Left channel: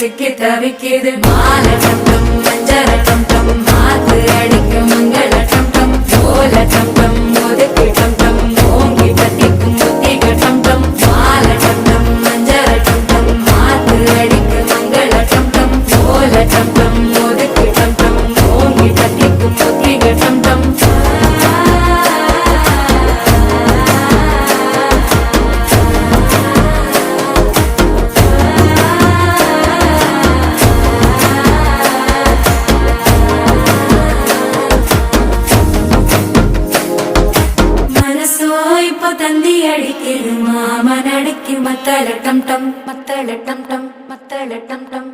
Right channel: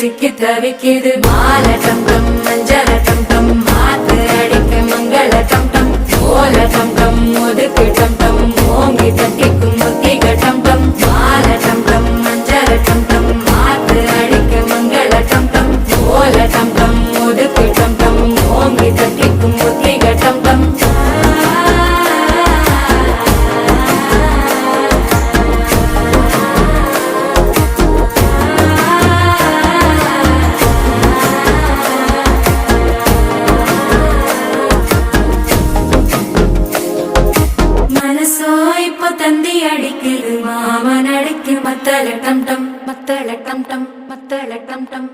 சிக்கி தவிக்குது மாலை டம் டம் மஞ்சள டம் டம் மாத்து அடிக்க மங்கள டம் டம் ஓல டம் டம் ஒதுக்கு டம் டம் ஓங்கி பத்திக்கும் புத்திக டம் டம் மாலை டம் டம் மஞ்சள டம் டம் மாத்து அடிக்க மங்கள டம் டம் ஓல டம் டம் ஒதுக்கு டம் டம் ஓங்கி பத்திக்கும் புத்திக டம் டம் தந்தி அடிக்குது மாமன் அடிக்கு மத்தள டம் டம் மத்தள டம் டம் மத்தள டம் டம்